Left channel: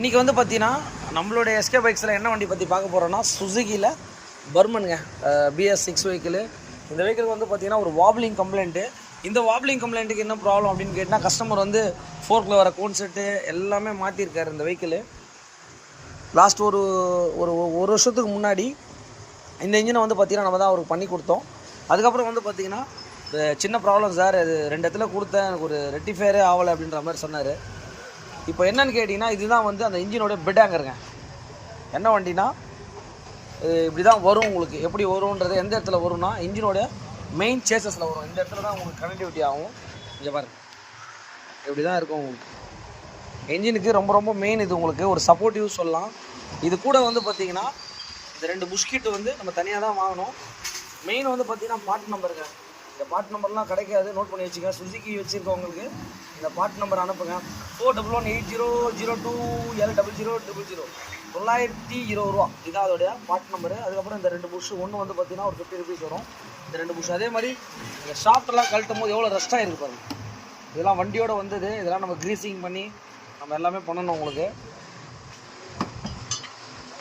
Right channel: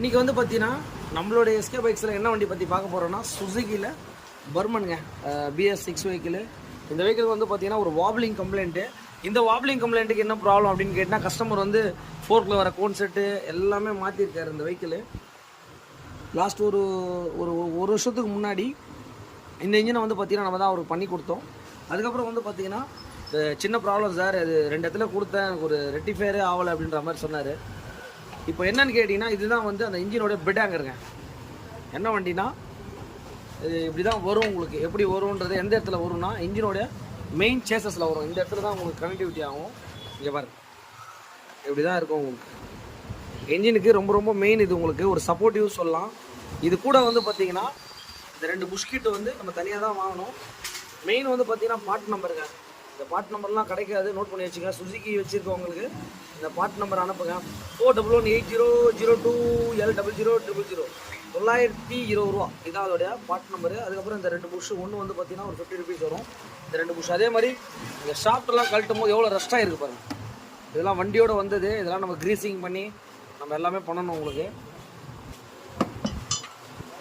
இன்றைக்கி வந்து பார்த்தீங்கன்னா நம்மளுடைய எஸ்கே பைக்ஸில் என்ன வண்டி பற்றி பார்க்க போகிறோன்னா சுசுகியில் பர்மனுங்க BS6 வெஹிக்கிள். இந்த வெஹிக்கிள் வந்து பார்த்தீங்கன்னா ஒரு வாப்லிங் கம்ப்ளைண்ட்டு. இந்த வாப்லிங் கம்ப்ளைண்ட்டுக்கு என்ன ப்ராப்ளம் அப்படின்னு கேட்டால் கஸ்டமர் வந்து ஃபோர்க்கில் வர கோன் செட்டு எல்லாமே மாற்றிருக்காரு. இந்த வெஹிக்கிள் லாஸ்ட் ஒரு ஒரு ஒரு வருஷத்துக்கு முன்னாடி இந்த இன்ஜினை வந்து பார்த்தீங்கன்னா நம்ம தான் அவருக்கு பண்ணி கொடுத்தோம். அதுக்கப்புறம் வந்து பார்த்தீங்கன்னா சின்ன ப்ராப்ளம் சார், அது 2 இடத்துல கொடுத்தேன், எனக்கு ஒரு ரெட்டிஃபயரே ஆகலை அப்படின்ற மாதிரி சொன்னார். இப்போ என்னன்னு கேட்டிங்கன்னா இதுதான் வந்து அந்த இன்ஜினோடைய பெட் ஆங்கருங்க. என்ன வண்டினா இப்படி தான் வரும். உங்களுக்கு எப்படி வரும்ன்றது எந்த இடத்துல வரும்னா இன்ஜினோடைய மெயின் சேசஸில் வரும். இந்த இடத்துல தான் உங்களுக்கு கனெக்டிவிட்டி ஆகும். இங்கே பாருங்க, இப்படி தான் இருக்கும். உங்களுக்கு இன்ஜினுக்கு ரொம்ப ரொம்ப மெயின் இது, உங்களுக்கு ஒரு சப்போர்ட்டிவ் சொல்லலாம். இது கூட வந்து பார்த்தீங்கன்னா இந்த 2 புஷ்கிட்டு வந்து நம்ம தனியாக தான் வாங்கணும். மெயின் வந்து பார்த்தீங்கன்னா பார்ட் நம்பருங்க. இந்த பார்ட் நம்பர்லாம் கிடைக்காது, நோட் பண்ணி வச்சுக்க. சுசுகி வச்சுருக்கவங்களுக்கு இந்த பார்ட் நம்பர் அனுப்புங்க. 418002L0000 920 ரூபா இதான் அதோடைய பார்ட் நம்பரு. அதுக்கப்புறம் இந்த 2 புஷ் ஒன்று வந்து பார்த்தீங்கன்னா ஒரு 50 ருபீஸ் வரும். இந்த 2 புஷ் அதே மாதிரி இந்த ஷாப்டெல்லாம் கழட்டும் போது எவ்வளோ ரெஸ்ட்டாக இருக்குது பாருங்கள். இதெல்லாம் வண்டியோட வந்தது. இதெல்லாம் நம்ம க்ரீஸிங் பண்ணி நம்ம எல்லாமே பண்ணணும். உங்களுக்கு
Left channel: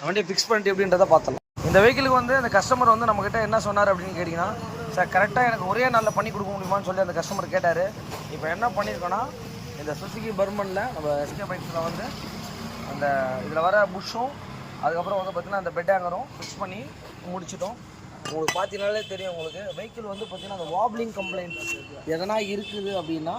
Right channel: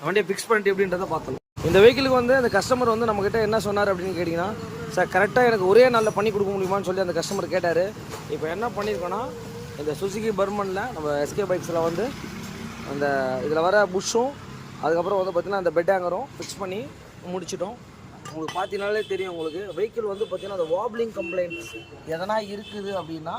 வண்டியை ஃபிக்ஸ் பண்ணிட்டு எப்படின்றத பார்த்தலாம். இந்த வெஹிக்கிளுக்கு வந்து அந்த கஸ்டமர் வந்து நம்மக்கிட்ட என்ன சொன்னார் அப்படின்னு கேட்டிங்கன்னா, சார் கரெக்டாக எனக்கு ஒரே நாளில் பண்ணி கொடுக்க முடியுமான்னு சொல்லி அந்த கஸ்டமர் கேட்டார். இப்போ என்ன பண்ணியிருக்கோன்னா இந்த சுசுகி பர்மனில் நம்ம எஸ்கே பைக்ஸில் வந்து அந்த இதில் வர புஷ்ஷும் அதுக்கப்புறம் வந்து பார்த்திங்கன்னா அந்த பெட் ஹேங்கரும் ஃபிக்ஸ் பண்ணி முடிச்சிட்டோம். உங்களுக்கு பார்த்தீங்கனாலே தெரியும். உங்களுக்கு வெஹிக்கிள் வந்து பார்த்திங்கன்னா அந்த வாப்லிங் கம்ப்ளைண்ட் எதனா இருக்குது அப்படின்னா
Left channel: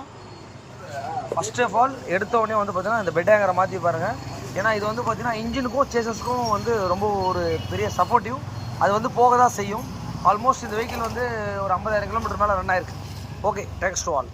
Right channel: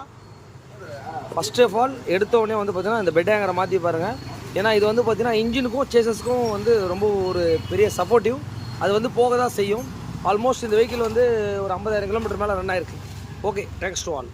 ஃபஸ்ட் ஆஃப் ஆல் எடுத்தோடனே வந்து பார்த்திங்கன்னா இந்த பெட் ஹேங்கரை மாற்றி பாருங்கள். ஏன்னா இது வந்து பார்த்திங்கன்னா இன்ஜினுக்கும் சேசஸ்க்கும் வந்து ரொம்ப ஒரு பெரிய சப்போர்ட்டிவ். அது வந்து போக தான் செய்யும். ஆல்மோஸ்ட் இந்த வெஹிக்கிள் வந்து ஒரு 50,000 கிலோமீட்டர் மேலே ரன் ஆயிருக்கு. Okay, thanks to all.